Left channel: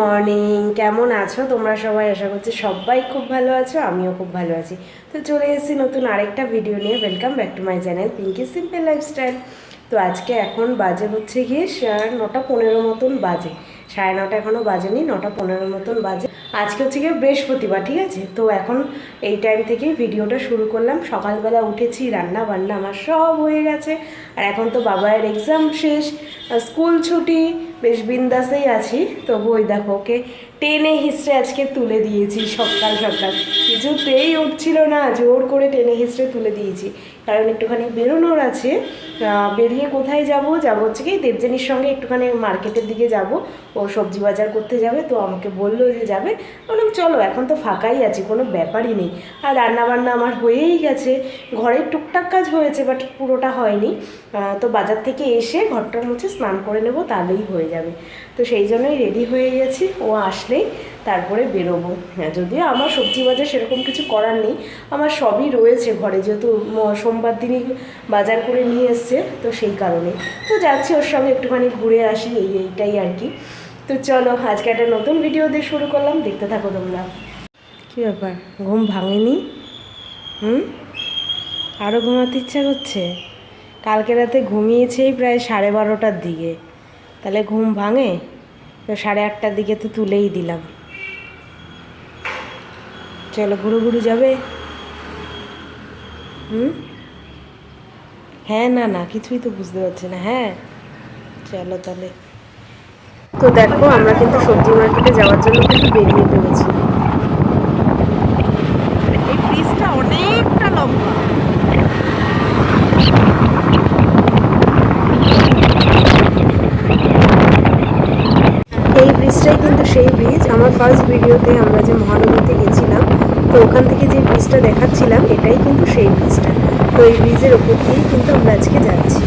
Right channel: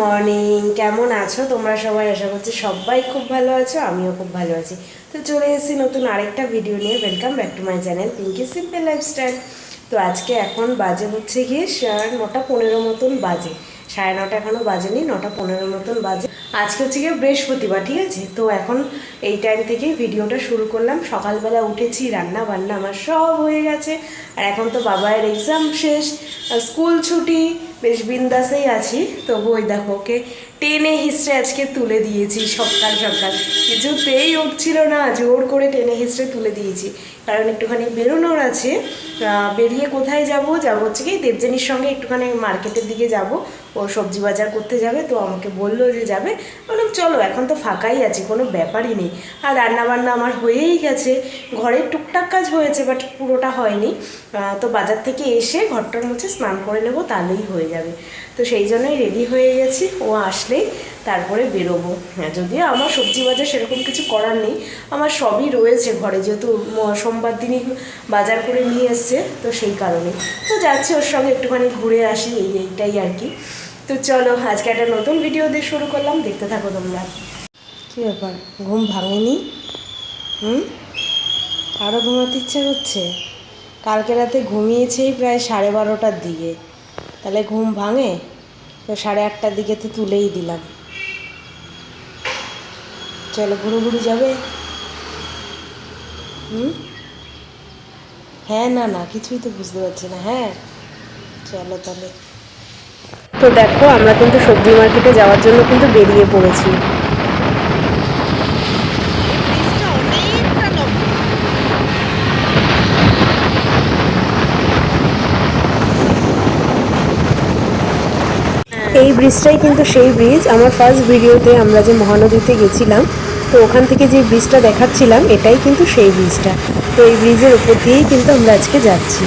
Morning, কেমন আছো তোমরা সবাই? আশা করছি সবাই খুব ভালো আছো, আমিও খুব ভালো আছি। তো চলে এসেছি নতুন আরেকটা ভিডিও নিয়ে। Welcome back to my channel Pinky simple lifestyle. তো আজকে এখন বাজে হচ্ছে গিয়ে 9:15 মতন বাজে, 9:30 এখনও বাজেনি, 9:15 মতন বাজে। আজকে হচ্ছে গিয়ে বৃহস্পতিবার, ঠিক আছে? তো এখন এই টাইম থেকেই ভিডিওটা শুরু করলাম। সকালবেলা উঠেছি, রান্না বান্না আমার সব হয়ে গেছে। আর এখন তো বাবার এক্সাম শেষ, স্কুল ছুটি, বেশ বিন্দাসেই আছি। তবু ওই দেখো, ওকে টেনে হিস্ট্রে আজকে তুলে দিয়েছি সকাল সকাল। কিছুতেই উঠছিল না, জোর করে টেনে হিস্ট্রে তুলে দিয়েছি, কারণ একটুখানি বেরোনোর আছে। বেরিয়ে কোথায় যাব হচ্ছে কি দেবযানীর সঙ্গে একটুখানি মার্কেটের দিকে যাব। ও সবজি বাজার করতে যাবে, তো আমাকে বললো যে যাবে। বললাম চলো, এখন তো ফাঁকাই আছি, কোনো ব্যাপারই নেই। আর রান্নাবান্না আমার হয়েই গেছে, ঘরের টুকটাক কাজ হয়েছে, বাট পুরোটা হয়নি। তো বাজার থেকে এসে ঘরটার মুছে স্নান করে নেব, তাহলেই হয়ে যাবে। তো সেই জন্যই রেডি হয়ে গেছি, ও আসলেই তারপরে বেরোবো। যদিও আমার সবজি বাজার সেরকম কিছু করার নেই, আমার সবই রয়েছে ঘরে, যেহেতু সোমবার দিনই বাজার করে নিয়ে এসছে, তো সেই কারণে তো যাচ্ছি ওর সঙ্গে একটুখানি ঘুরে আসি, এইটাই আর কি। তো চলো, আজকে একটা নতুন ভিডিও দিয়ে শুরু করলাম, দেখতে থাকো তোমরা। কী ব্যাপার, ঘুম ভাঙেনি? আরও ঘুমাতে ইচ্ছা করছে? কালকে রাতে ঘুমিয়েছেই প্রায় 12:30টার দিকে, তাহলে ঘুম ভাঙে? তো 8:30টার দিকে তো তুলেই দিলাম। চলো, ঘুরু ঘুরু যাবে? হ্যাঁ, না না, কিছুই তো বুঝতে পারছি না। হ্যাঁ চলো তাহলে। তো দেখো, আমরা কিন্তু সবজি মার্কেটে যাওয়ার জন্য কিন্তু বেরিয়ে পড়েছি। এই ব্রিজটাই কিন্তু সেই ব্রিজ, আমার ফার্স্ট ভিডিওতে আমরা যে মহানদীতে গেছিলাম, তো ওখান থেকে যে ব্রিজটা দেখাচ্ছিলাম, এটাই কিন্তু সেই ব্রিজটা। তো এই ব্রিজের ওপর দিয়েই কিন্তু আমরা আজকে যাচ্ছি।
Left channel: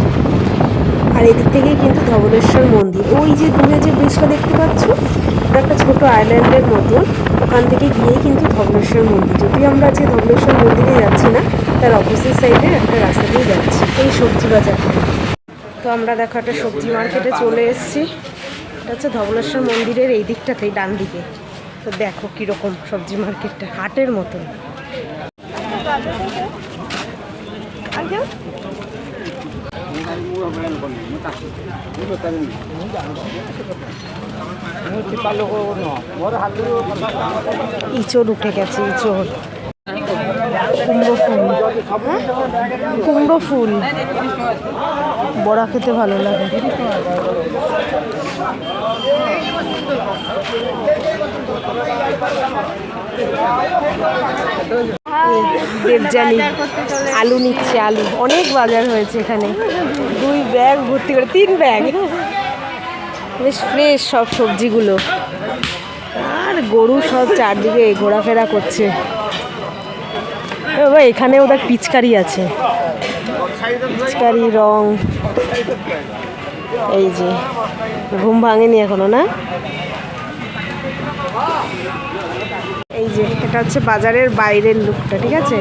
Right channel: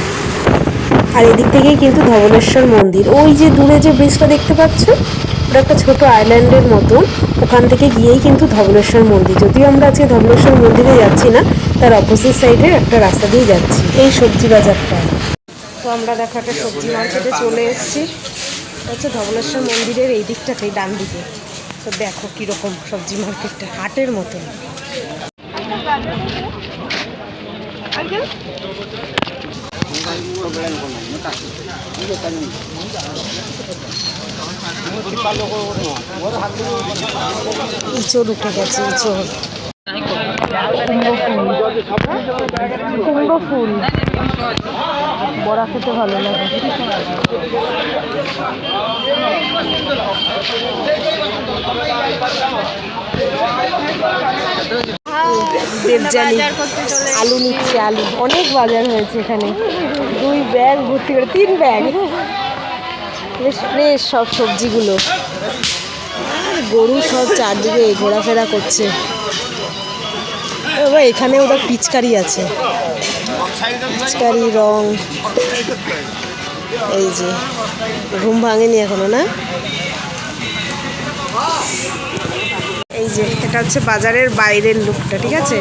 আর এদিক থেকেই কিন্তু ধবলেশ্বর মন্দির, ওই যে দূরে যে ব্রিজটা দেখতে পাচ্ছ, ওটা একটা ছোট আইল্যান্ডের মতন। ওখান থেকে গিয়েই কিন্তু ধবলেশ্বর মন্দির। যদিও আমরা আজকে ধবলেশ্বর মন্দিরে যাচ্ছি না, তার অপোজিট সাইডে একটা রাস্তা দিয়ে যাচ্ছি, এই সবজি বাজারটা। তো আমরা দেখো একটা সবজি মার্কেটে চলে এসেছি। এটা হচ্ছে ধবলেশ্বর মন্দিরের এই দিকটাতেই, ডান দিকে। তো দেখো কীরকম সবজি মার্কেটটা, হাটের মতন। ইঁচড় উঠে গেছে, ইঁচড়। কুমড়ো ফুল বড়া খেতে ভালো লাগে। দেবযানী আলু নিচ্ছে, আলু অনেক বাজার হয়েছে এখানে, 2 ব্যাগ ভর্তি করে, 3 ব্যাগ, বেশ ফ্রেশ সব সবজিগুলো। আর গরু সব চারদিকে ঘোরাফেরা করছে। বাবা, এখানে ওদের পিচকারি আছে, পিচকারি রং। এই যে, ঘুম ভাঙেনি এখনো না? এই যে, এটা হচ্ছে বাজারের বাইরের লুকটা, ঠিক আছে?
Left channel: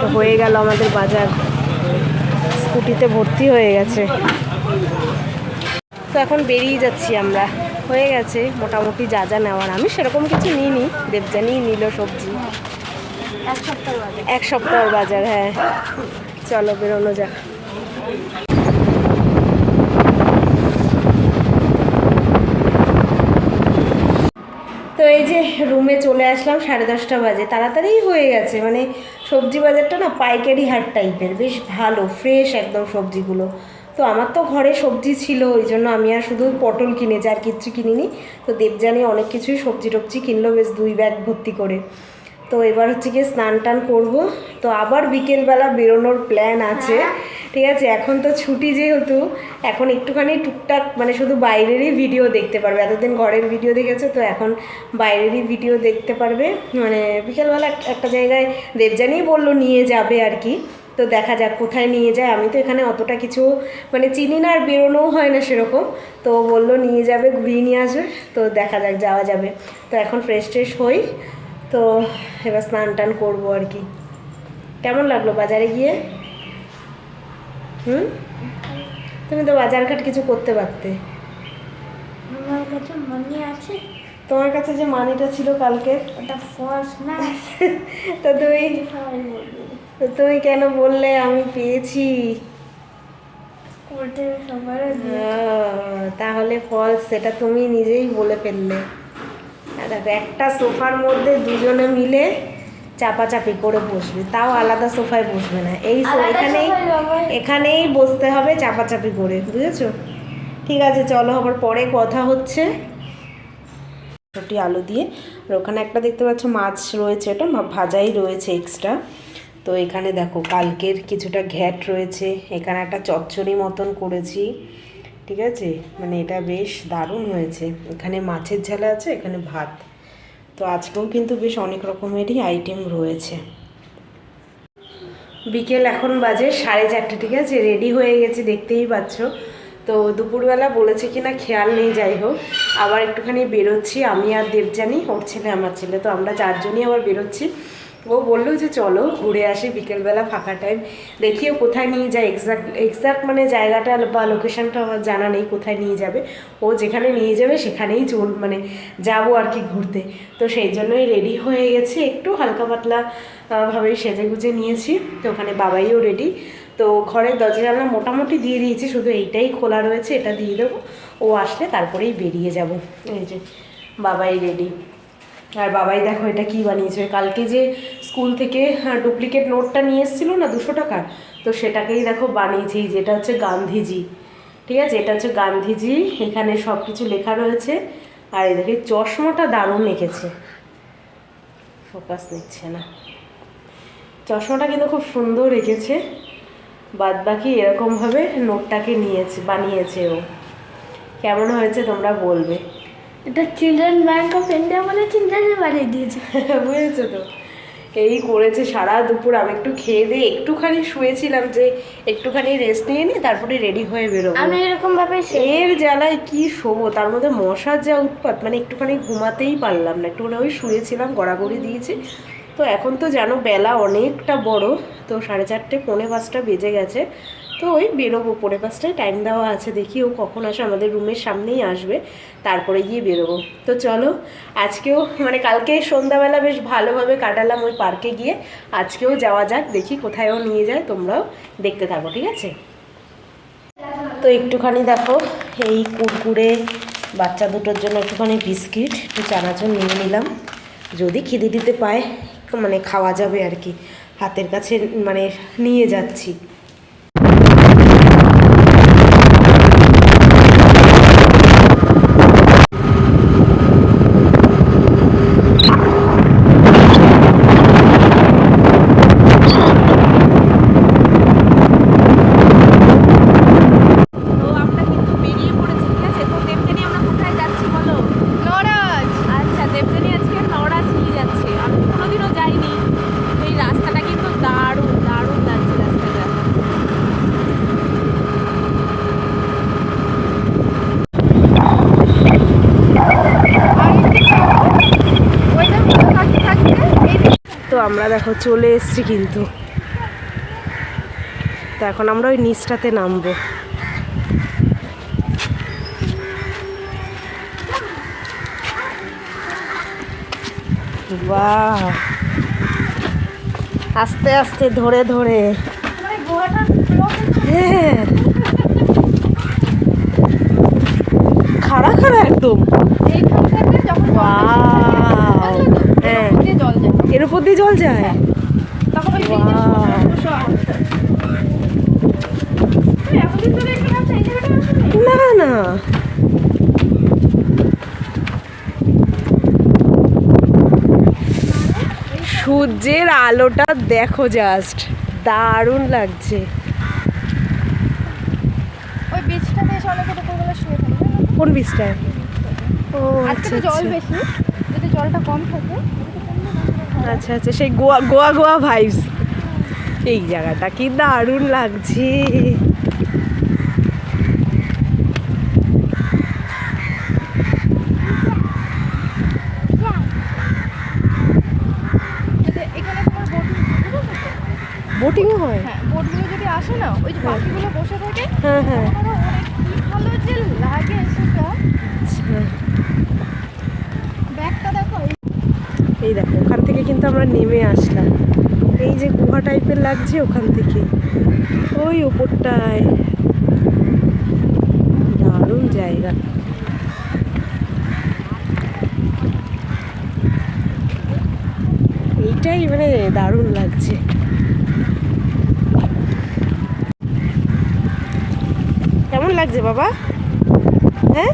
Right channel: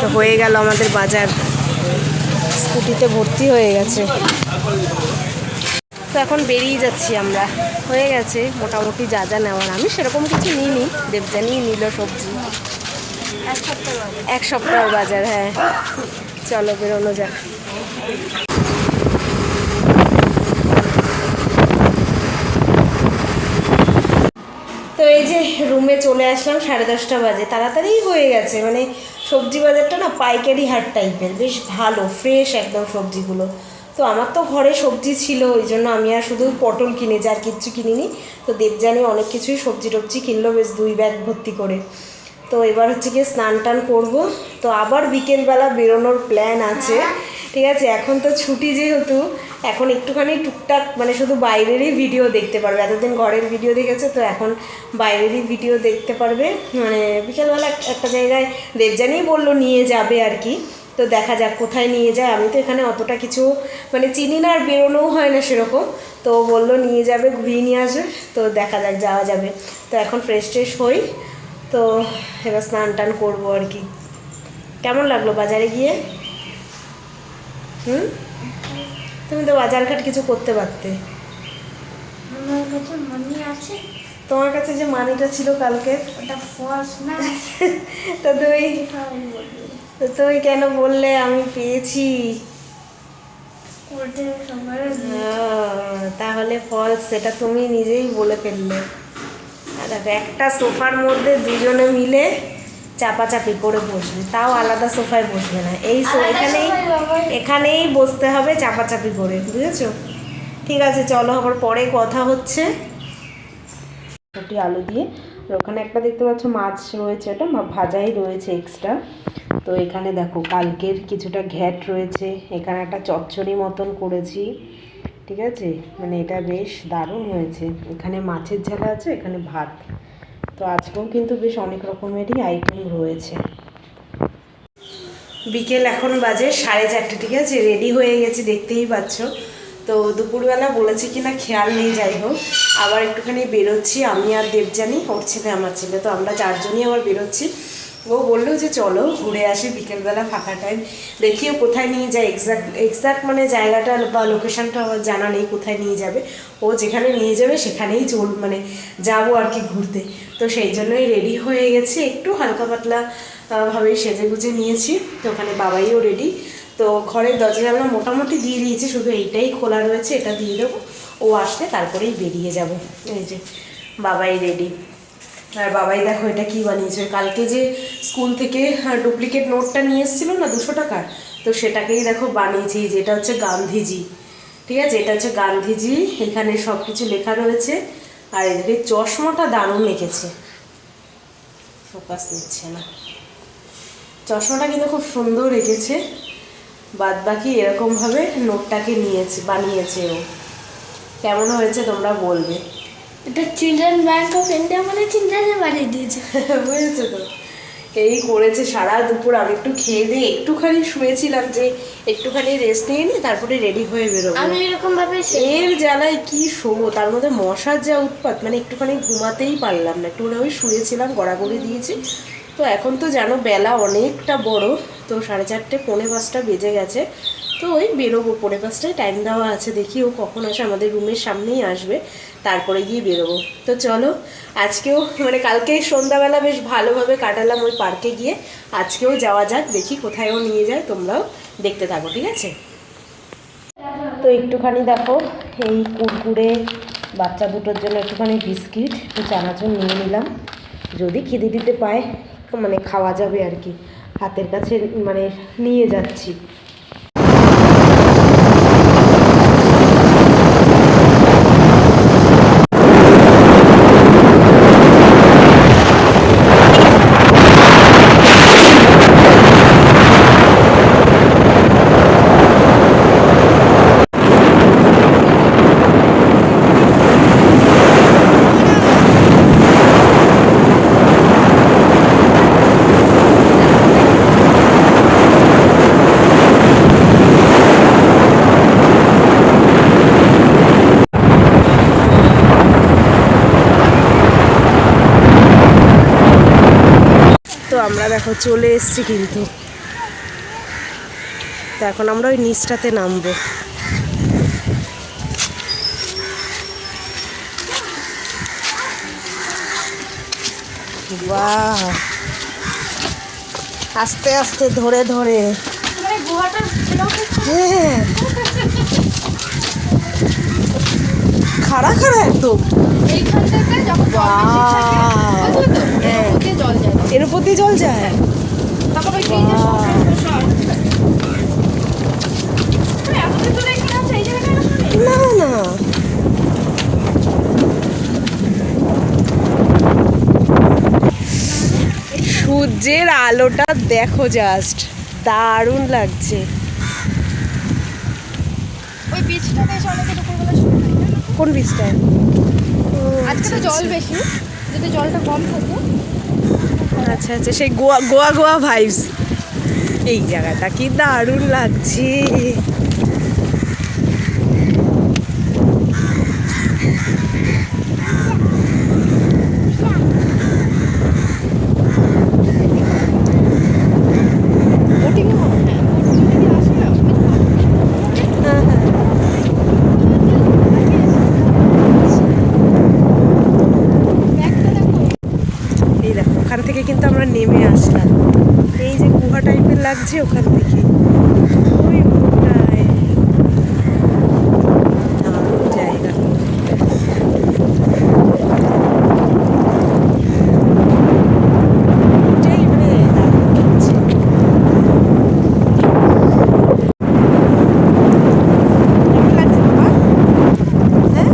তো হয়ে গেল আমাদের বাজার, স্কুটিতে ভর্তি হয়ে গেছে। তো এখন বেরিয়ে যাচ্ছি আমরা, হয়ে গেছে মোটামুটি যা যা নেওয়ার। আমি সেরকম কিছু নিইনি, দেবযানীই নিল সবজি। এক সপ্তাহের বাজার, হ্যাঁ। চলো বেরোনো যাক। তো এই যে রুমে চলে আসলাম, 10:30 বাজে, তাড়াতাড়ি হয়ে গেছে। মানে সবজি বাজারটা না পাইকারি হাট টাইপের, বেশ ভালো ফ্রেশ একদম সবজিগুলো। তো আমার তো ঘরে সবজি ছিল, ওই জন্য আমি আর শুধু পটল কিনেছি, আর কিচ্ছু কিনিনি। তো দেবযানী অনেক কিছুই সবজি টবজি কিনলো, বেশ 2 ব্যাগ ভর্তি করে। তো এবার হচ্ছে গিয়ে স্নান টান করবো, তো আবার বিকেলবেলা বেরোনোর প্ল্যান আছে, ঠিক আছে? এখন তো ছুটি যেহেতু, এখন একটুখানি টুকটাক মানে শুধু বাইরেরই ভিডিও দেখতে পারবে। এতদিন ঘরের ভিডিও দেখেছে, তো এখন বাইরেরই ভিডিও দেখতে পারবে। মানে বিকেলবেলা একটা জায়গায় দেবযানী বললো নিয়ে যাবে আর কি। তো দেখা যাক কোথায় নিয়ে যায়, আমি তো এখানে অতটা কিছু মানে চিনি না, আর বেরোনোও হয় না সেরকম। তো বললো নিয়ে যাবে, ঘুরিয়ে নিয়ে আসবে, তো দেখা যাক, যাওয়া যাবে। তো এখন ফ্রেশ ট্রেশ হই, তো এবার স্নান টান করবো আর কি। কেমন লাগলো বাজারে গিয়ে? তুমি তো বাজারঘাট কিছু করতে পারতে। আমার কাছে মানি আছে। তোমার কাছে যে মানিটা ছিল কালকে, ওটা ফলস না। তো তুমি কেন বললে আমি পেয়েছি? স্কুল থেকে সবার তাহলে ফলস, সেটা তুমি নিজেই বলে ফেললে। আর একটা সোফার মধ্যে দুজনে মিলে চাপাচাপি করে বসবে, তাও আলাদা সোফায় বসবে না, এই এখানেই বসতে হবে চাপাচাপি করে, বুঝেছো? ঠিক আছে, চলো আবার পরে কথা হচ্ছে। রুটি আলু দিয়ে, আর ওখানে একটা দেখতে পাচ্ছ মাছ রয়েছে, এটা ভাজাই রয়েছে এক্সট্রা। তো এখানে দেখো কালকের কিছুটা ঘ্যাট রয়েছে, এখানে একটা চচ্চড়ি মতন করেছি, ঠিক আছে, মানে এটা বেশ দারুণ হয়েছে। এখানে মাছের ঝাল আছে, এখানে ভাত। তো আজকেও কিন্তু বেশ অনেক রকমেরই আইটেম রয়েছে। বিকেল এখন বাজে 4:30, ঠিক আছে, রেডি হয়ে গেছি দেখতেই পাচ্ছ। তো দুপুরবেলা বলেছি কি না খেয়াল নেই, যাই হোক আবার একটুখানি বেরোচ্ছি আমি আর দেবযানী, ওর ছেলে আমার ছেলে, তো আমরা চারজনই আবার বেরোচ্ছি। ও বললো যে চলো ঘুরে আসি বিকেলবেলা ফাঁকা টাইম, দেখিও কোথায় নিয়ে যায়। এক্সাক্ট মানে জায়গাটা বা লোকেশানটা আমার জানা নেই কোথায় নিয়ে যাবে, ও যেখানে নিয়ে যাবে সেখানেই মানে যাবো আর কি ঘুরতে। তো সেই জন্যই রেডি হয়ে গেছি, একটু হালকা পাতলা ভাবেই সেজে গুজে নিয়েছি। তো ওখানে বাবাইও রেডি। তো ঘরের দরজা জানলা মোটামুটি দিয়ে দিয়েছি, শুধু এইটাই খোলা রয়েছে, এটা দিয়ে দেবো, ও আসলে তারপরেই বেরিয়ে যাব। এই যে বাবাই রেডি। আর বাবাই দেখো এটা কি বানিয়েছে, কালকে যে স্কুল থেকে ডুপ্লিকেট নোটটা নিয়ে এসেছিলো না 200 টাকার, তো সেটাকেই দেখো বানিয়েছি, যেটা হচ্ছে গান্ধীজি, ঠিক আছে, এটা হচ্ছে গান্ধীজি, এখানে সব কিছু লেখা রয়েছে। আর এই দেখো চশমাটা দারুণ এঁকেছে, ফোকাস নিচ্ছে না, চশমাটা কিন্তু খুব সুন্দর এঁকেছে। বাদ বাকি এরকমভাবে নোটটাকে বানিয়েছে ও। কেমন হয়েছে তোমরা বলবে। এটা চিলড্রেন ব্যাংক অফ ইন্ডিয়া মানে চিলড্রেনে বানিয়ে দিয়েছে, বুঝেছো তো? এই করেছে সারা দুপুর। আমি একটু খেয়ে দিয়ে একটুখানি শুয়েছিলাম, যে একটুখানি রেস্ট নিয়ে নিয়ে তারপরে রেডি হয়ে বেরোবো। আমি এরকম ভাবে এর জ্বালায় কি শোবো, তার মধ্যে মশার যা উৎপাত, মানে একটুখানি ঘুমাতেই পারলাম না, একটুখানি ওই শুয়েছিলাম, গড়াগড়ি দিয়েছি। তো এখন তো জানো বেলা অনেকটা বড়, তো 4:30 4:45 বেজে গেছে। তো ওই বেরোবো, 4:45 টাইম দেওয়া আছে, দেখি ও কখন আসে, আমাদের রুমের সামনেই আসবে, তারপরে গিয়ে বেরোবো। তো চলো, আজকেও মানে কালকে সন্ধ্যাবেলা বেশ ভালোভাবে কাটালাম ওই পার্কে গিয়ে, আজকেও যাওয়া যাক, দেখি কোথায়ও নিয়ে যায়, তোমরাও দেখতে থাকো, ঠিক আছে। তো একটুখানি দেখো এই কুরকুরে, বাচ্চা দুটোর জন্য একটুখানি বিস্কিট, একটু চানাচুর নিয়ে নিলাম, যদি খিদে দিতে পায় মানে খাওয়া যাবে আর কি, হাতের কাছে মানে নিয়ে যাচ্ছি। তো আমরা দেখো চলে এসেছি কিন্তু, তো এখন আমরা ওই নিচটাতে নামবো। বাহ, আস্তে আস্তে ধরে ধরে, হ্যাঁ খাড়া খাড়া একদম, হ্যাঁ এর উপর দিয়ে জল যায়। না না, সূর্যের আলোটা দেখো, জাস্ট দারুণ লাগছে। ওই বীজটাতে এসে অনেকে দুপুরবেলা শুয়ে থাকে। কোন বীজটায়? ও আজকে তো জল বেশি, যদি জলটা কম থাকে। আচ্ছা আচ্ছা, সেই গোয়া গোয়া গোয়া ভাইবস। এই জায়গাটা কি দারুণ লাগছে। বোটিং হয়? বোটিং যদি আসে না, ওই পাখিগুলো বসে থাকে। হ্যাঁ হ্যাঁ। এই দেখো ওখান থেকে কিন্তু আমরা নেমে আসলাম, এই যে গুহা টাইপের লাগছে ওখান থেকে ওই উপরটায়। দারুণ জায়গা। এটাই মানে দারুণ লাগছে। কেমন লাগছে বাবা? হ্যাঁ,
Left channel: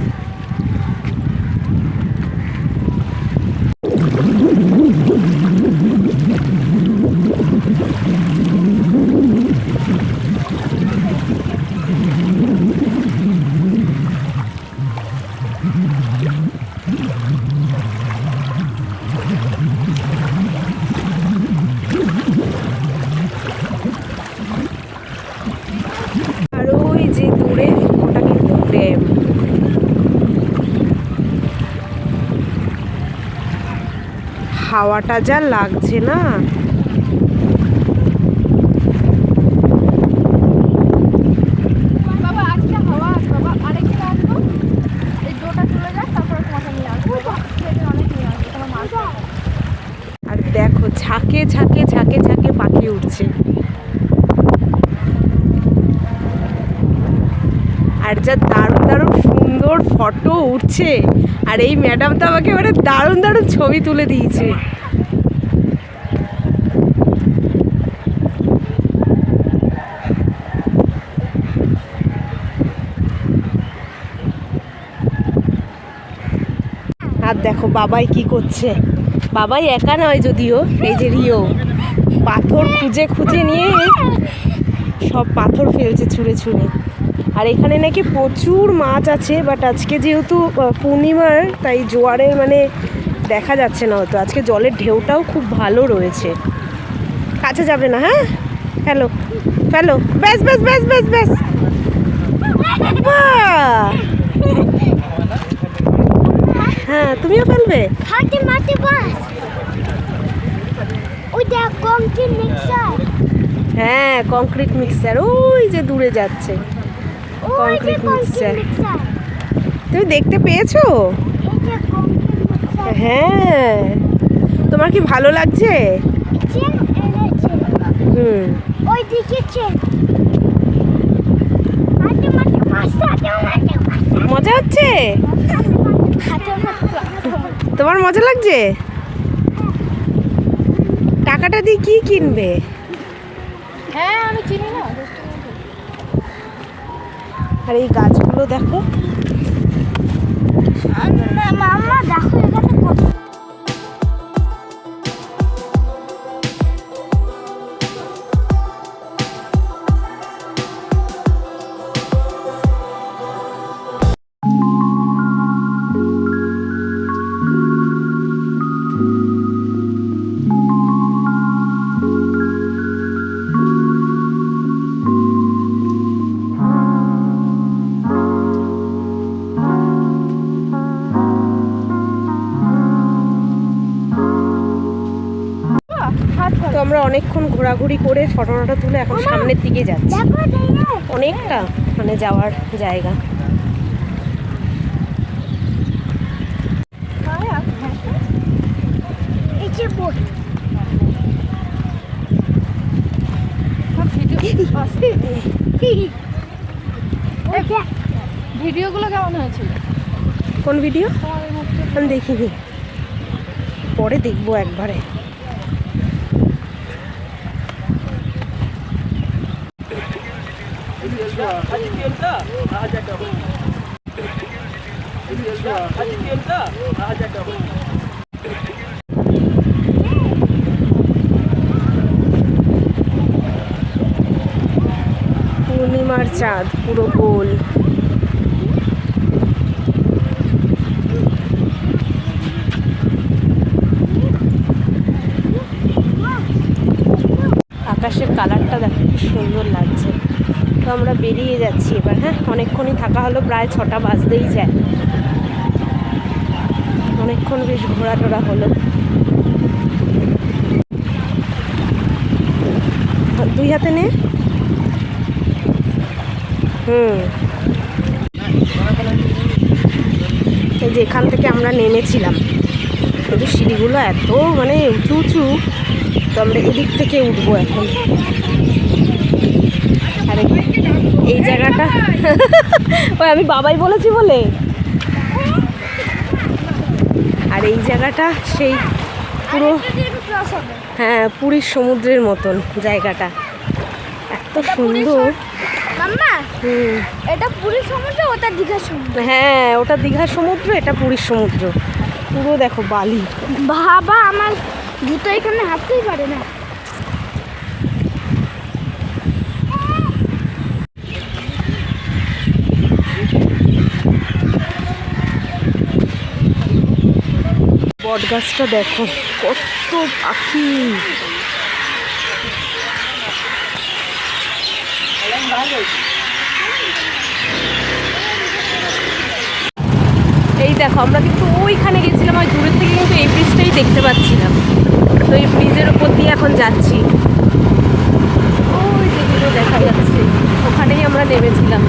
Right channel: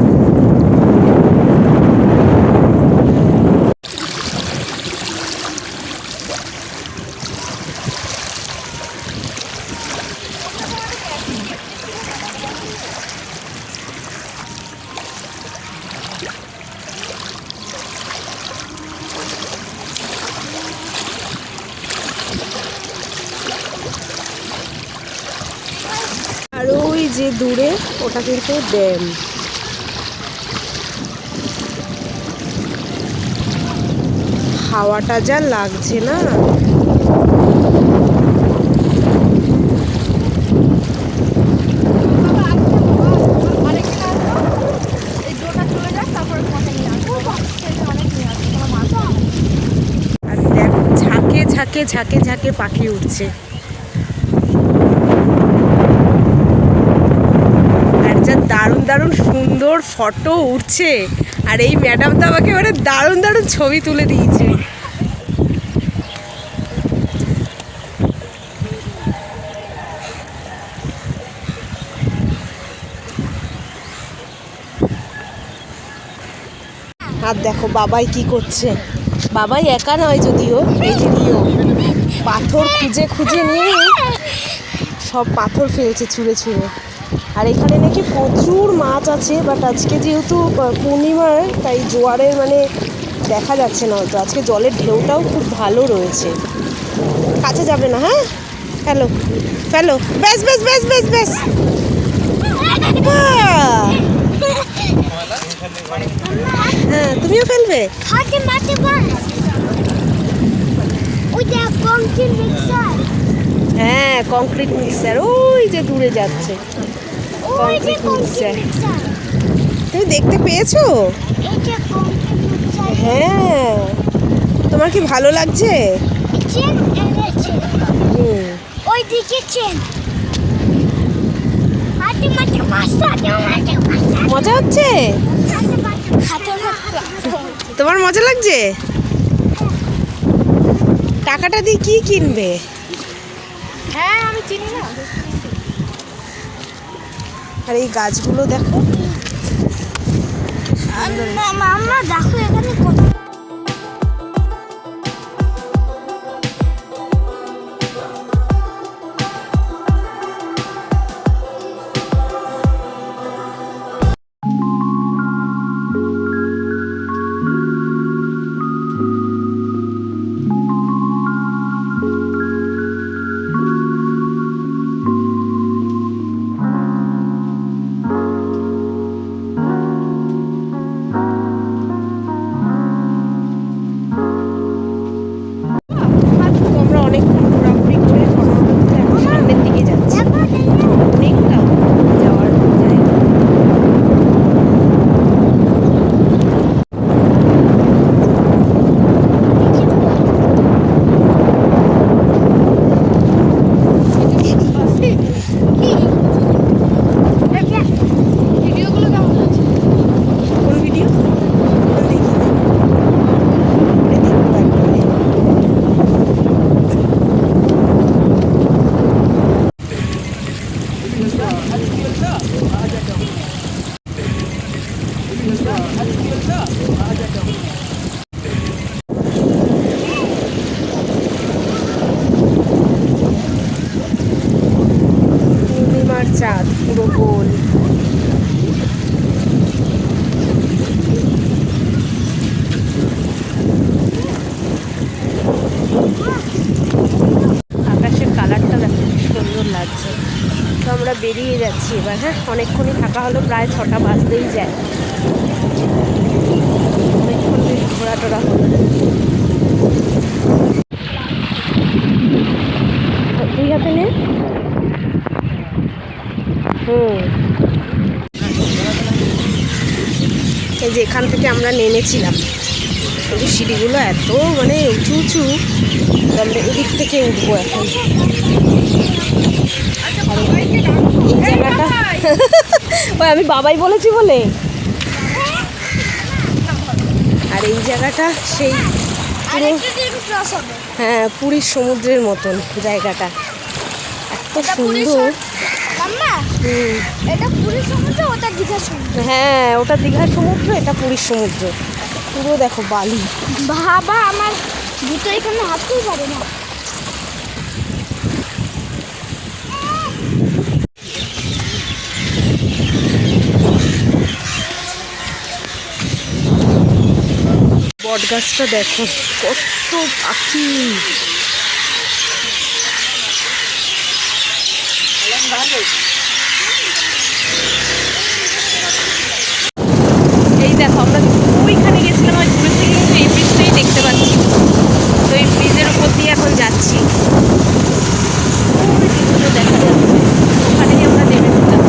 আর ওই যে দূরে ওটা কিন্তু ড্যাম। হাওয়াটা যা লাগছে না, আর দেখো ঝাঁকে ঝাঁকে ঝাঁকে ঝাঁকে পাখি উঠছে। আর যা দারুণ দারুণ সুন্দর ফটো উঠছে, আর এই ম্যাডাম তো আমাকে মানে দারুণ দারুণ ছবি তুলে দিয়েছে। আর দেখো বাবাই কি করছে, বাবাই একা নয় যদিও, এই যে রিও পাথর খুঁজে খুঁজে নিয়ে সব পাথর ফেলছে ছুঁড়ে ছুঁড়ে। আর এখানে নাকি প্রচুর মাছ আছে, বাট আজকে যেহেতু পূর্ণিমার তাই জোয়ারের মানে দেখা যাচ্ছে না হয়তো। আজকে জলের ঢেউটাও খুব ভালো রয়েছে। কাছে যাবে না, হ্যাঁ? ফেলো ফেলো, ব্যাস ব্যাস ব্যাস ব্যাস ব্যাস। বাহ! হ্যাঁ, তুমিও ফেলবে? হ্যাঁ, কংক্রিট মিক্সার ওই যে দূরে যাচ্ছে, কংক্রিট মিক্সার। তুমি দেখতে পেয়েছো? হ্যাঁ, তোমার কি ভালো লাগছে? মজা হচ্ছে? তোমার মজা লাগছে? টাকাটা দিয়ে কি কিনবে? হ্যাঁ, আমি চিনি না। আর এই গাছগুলো দেখো, মাম্মা দেখো এখানে তো আমরা অনেকক্ষণ ঘোরাঘুরি করে ফটো টটো তুলে এখন সামনের দিকে যাচ্ছি। অনেকটা মানে যাওয়ার জায়গা। ভিডিওগুলো কেমন হয়েছে? কোন ভিডিও? আমি দেখিনি, পরে দেখবো একবারে। পূর্ণিমার চাঁদ পুরো গোল। আকাশের কালারটা দেখো কি সুন্দর লাগছে। তো আমরা বেরিয়ে যাচ্ছি এবার। হ্যাঁ, অনেকক্ষণই থাকা হলো, প্রায় 6টা বাজতেই যায়। অনেকক্ষণ বেশ ঘোরা টোরা হলো। দুই হাতে নে। এই যে এখান থেকে আমরা নেমেছিলাম, কিন্তু সিঁড়িগুলো এত মানে উঁচু উঁচু, তো আমরা এদিক থেকে উঠবো এখন। আরে এই জায়গাটা ওই আমি বাবাই বলেছি বলে, আর এই জায়গাটা সেই পুরো, হ্যাঁ পুরীর সমুদ্রের মতন জায়গাটা, এত সুন্দর। এটা পুরীর সমুদ্র, ওটা দীঘার সমুদ্র। হ্যাঁ ওটা দীঘার সমুদ্র, এটা পুরীর সমুদ্র। পুরো দেখো বালি। বাবা আমার জুতো এখানে হাঁটতেই পারে না। বট গাছটা দেখো কত পাখি। এই দেখো আমরা কিন্তু ওইখানে গেছিলাম, আর দূরের থেকে কিন্তু এই ব্রিজটাই দেখতে পাচ্ছি না। তো এই ব্রিজের উপর দিয়ে এখন যাচ্ছি, ওই যেগুলো দেখা যাচ্ছে ওখানেই আমরা নেমেছিলাম।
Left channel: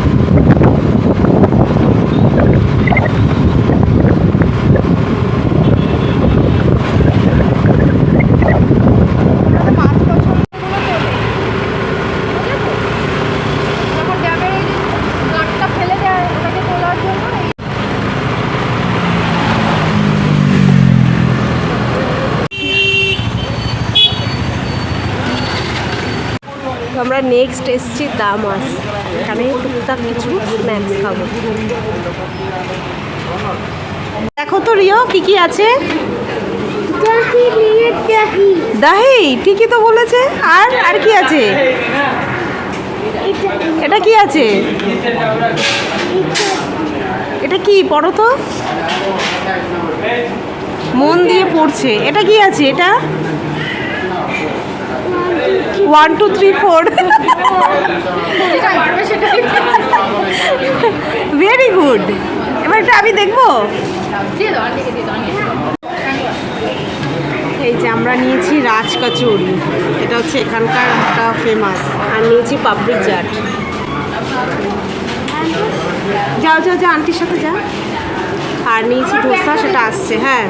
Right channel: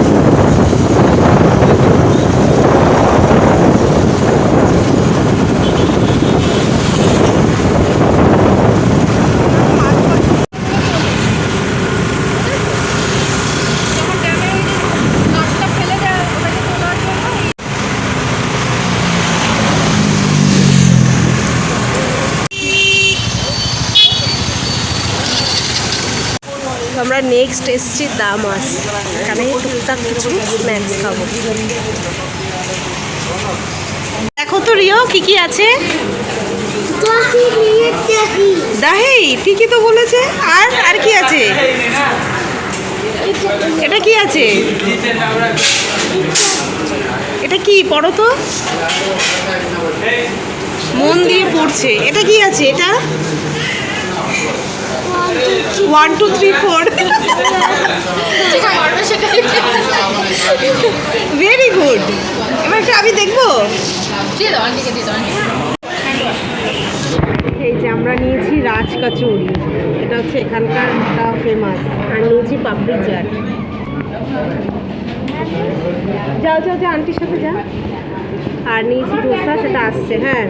আমরা নেক্সট এসছি দামাস, এখানে টুকটাক কিছু স্ন্যাক্স খাবো। দেখো তো রিও কি কি আছে। দাহি ঠিকই তো বলেছে। আর আর কি আছে, এটা কি আছে, এটা কি পড়ো তো, মন দিয়ে পড়ছে। এটা কি আছে, এটা 1 2 3 4 ভেরি গুড। এবার একটা আমি দেখবো। এই যে আমরা নিয়েছি রাজ কচুরি, এটা হচ্ছে এখানকার একটা ফেমাস, আর নিয়েছি পাপড়ি চাট। যাও যাও যাও আন্টির সাথে যা। আর নিয়েছি ধোসা, সেটা আসছে। হ্যাঁ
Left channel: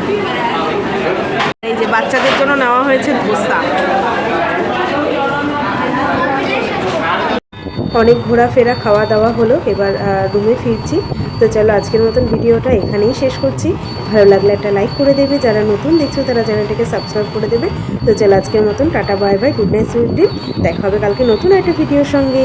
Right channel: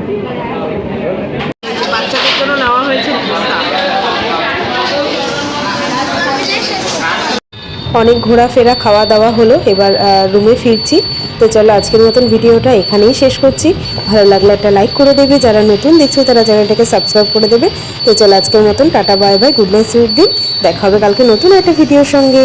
এই যে বাচ্চাদের জন্য নেওয়া হয়েছে ধোসা। অনেক ঘোরাফেরা খাওয়া দাওয়া হলো, এবার রুমে ফিরছি। তো চলো আজকের মতন ভিডিওটা এখানেই শেষ করছি। ভালো লাগলে একটা লাইক করে দেবে, যারা নতুন দেখছে তারা চ্যানেলটাকে সাবস্ক্রাইব করে দেবে। তো চলো আজকের মতন tata bye bye, good night, sweet dream. দেখা হবে কালকে নতুন একটা ভিডিওর সঙ্গে।